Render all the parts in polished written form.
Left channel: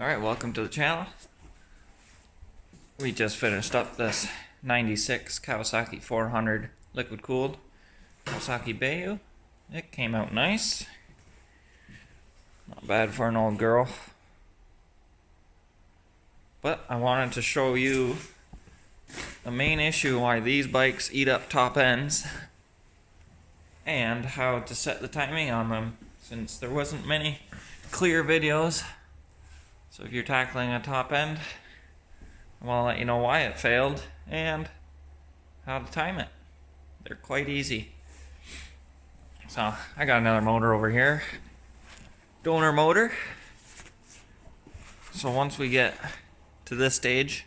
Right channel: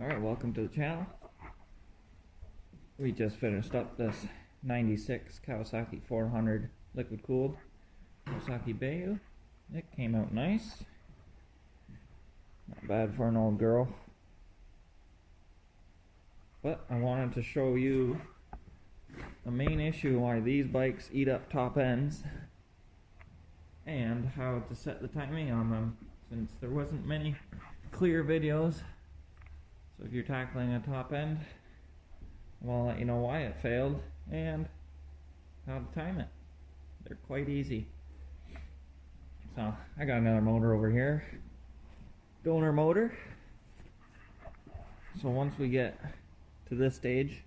Alright, welcome to the channel. We just finished up this 96 Kawasaki 400 liquid cooled Kawasaki bayou. It came out nice. Not bad for an old girl. But I wanted to show you the main issue why these bikes eat up top ends and how to set the timing on them, since there wasn't many clear videos. So if you're tackling a top end, I want to let you know why it failed and how to time it. They're quite easy. So I got another motor over here, donor motor. So once we get to this stage,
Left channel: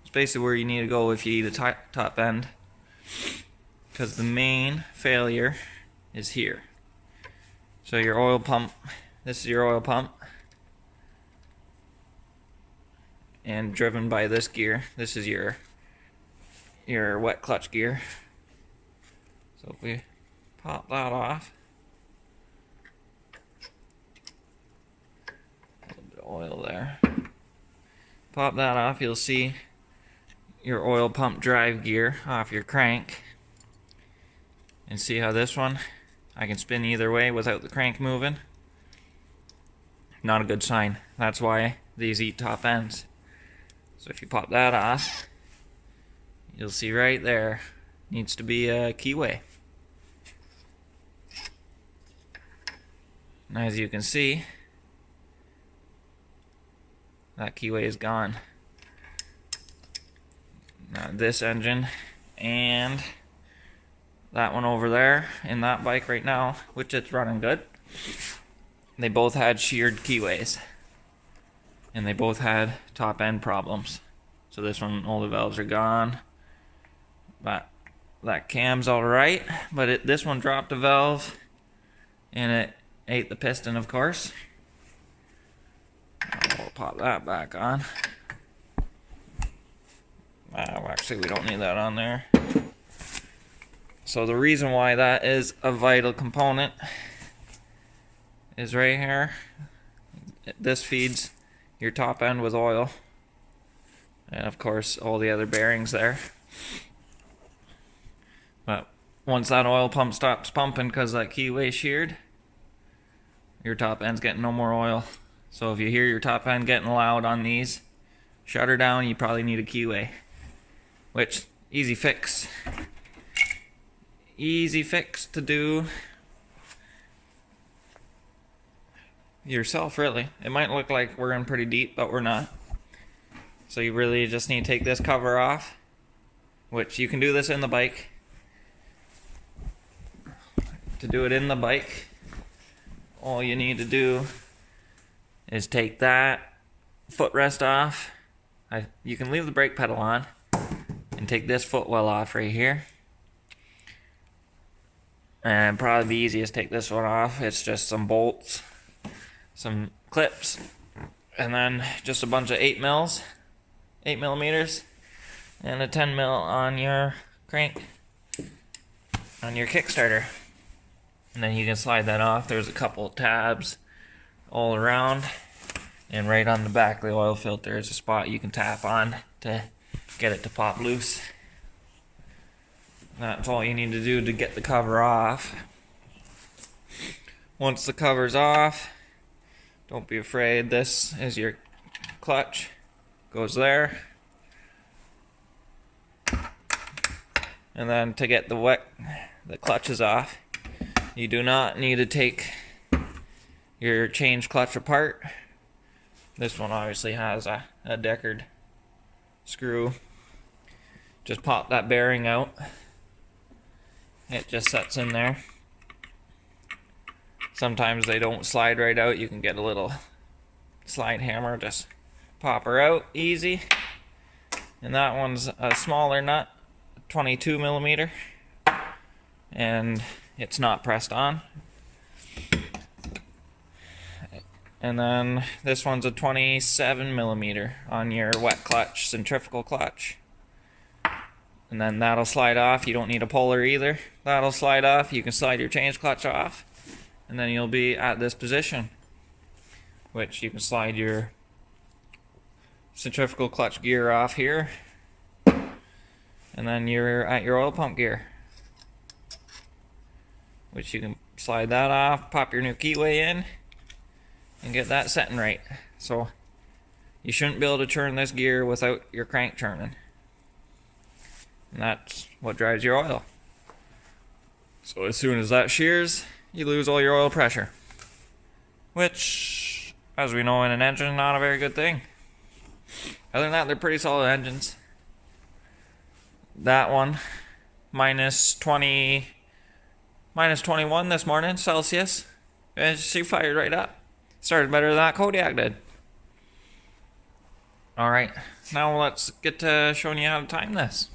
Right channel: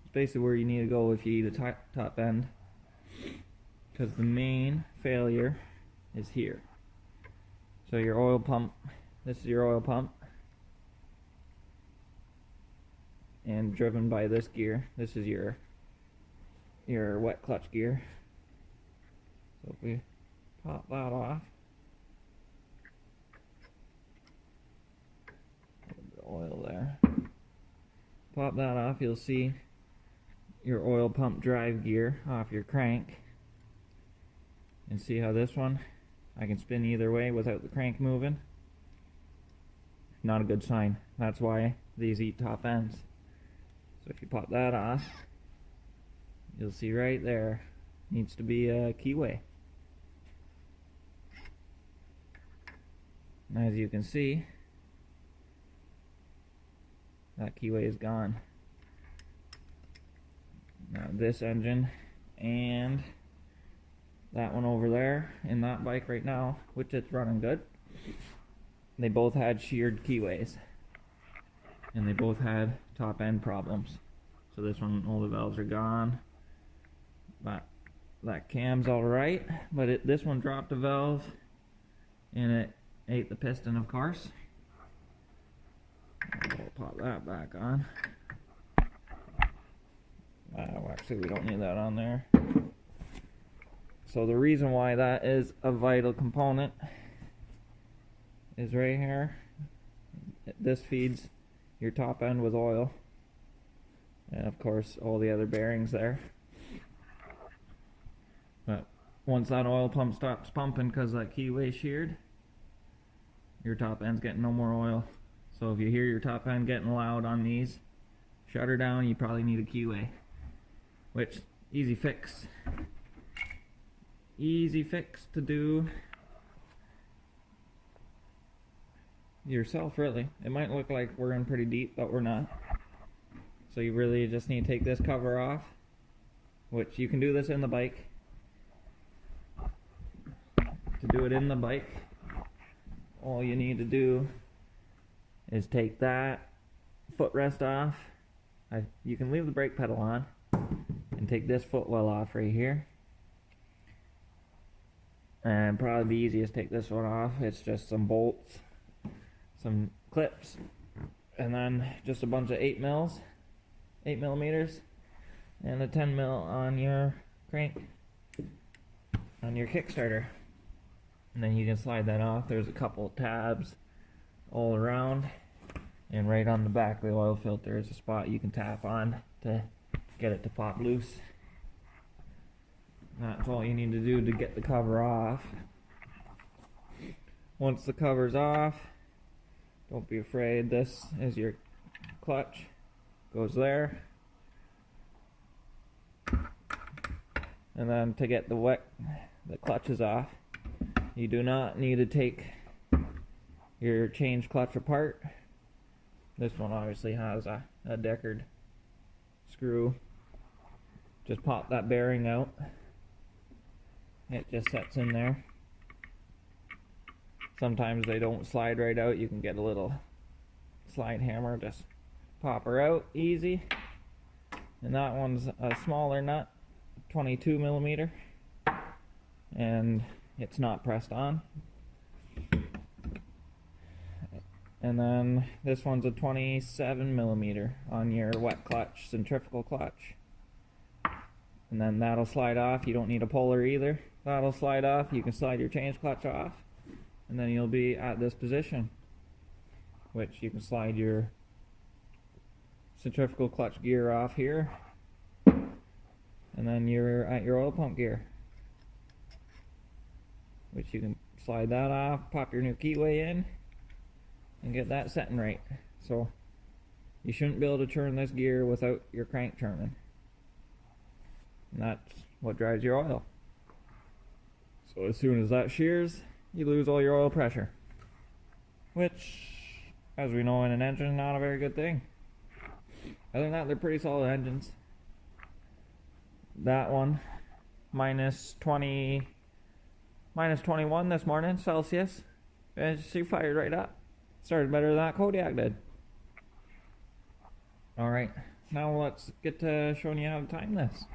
it's basically where you need to go if you eat a top end, because the main failure is here. So your oil pump, this is your oil pump, and driven by this gear. This is your wet clutch gear. So if we pop that off, a little bit of oil there. Pop that off, you'll see your oil pump drive gear off your crank. And see how this one, I can spin either way without the crank moving. Not a good sign. That's why these eat top ends. So if you pop that off, you'll see right there needs to be a keyway. And as you can see, that keyway is gone. Now this engine and that one over there in that bike right now, which it's running good, they both had sheared keyways. And they both had top end problems. So this one, all the valves are gone. But that cam's alright. But this one dropped a valve and it ate the piston, of course. We'll pop that back on. Actually, we don't need that on there. So the reason why that is a vital component is right here. This feeds your top end with oil, and of course all the other bearings there. But once that oil pump stops pumping because that keyway sheared, your top end's getting no more oil. So if you hear your top end getting loud on these, shut her down. You probably need a keyway, which easy fix to do yourself, really. It might look like we're in pretty deep, but we're not. So you really just need to take this cover off, which you can do this in the bike. To do it in the bike, all you need to do is take that footrest off. You can leave the brake pedal on and take this footwell off right here. And probably the easiest to take this one off. It's just some bolts, some clips, and then just a bunch of 8 millimeters, and a 10 mil on your crank, on your Kickstarter. And then you can slide that off. There's a couple of tabs all around, and right on the back of the oil filter is a spot you can tap on to get it to pop loose. That's all you need to do to get the cover off. Once the cover's off, don't be afraid. This is your clutch. Goes there. And then to get the clutches off, you do not need to take your change clutch apart. This one obviously has a Deckard screw. Just pop that bearing out. It just sets in there. Sometimes they don't slide right out. You can get a little slide hammer, just pop her out easy. And that one's a smaller nut, 22 millimeter, and it's not pressed on. And then this one's a 27 millimeter on your wet clutch, centrifugal clutch. And then that'll slide off. You don't need a puller either. That'll slide off. You can slide your change clutch off, and then you'll be at this position, which you can slide your centrifugal clutch gear off here. And then you're at your oil pump gear, which you can slide that off, pop your new keyway in, and get that setting right. So you shouldn't be able to turn this gear without your crank turning. And that's what drives your oil. So as soon as that shears, you lose all your oil pressure, which, as we know in an engine, not a very good thing. Other than that, they're pretty solid engines. That one, minus 21 this morning, Celsius. And she fired right up. Started better than that Kodiak did. Alright, now let's get to showing you how to time this.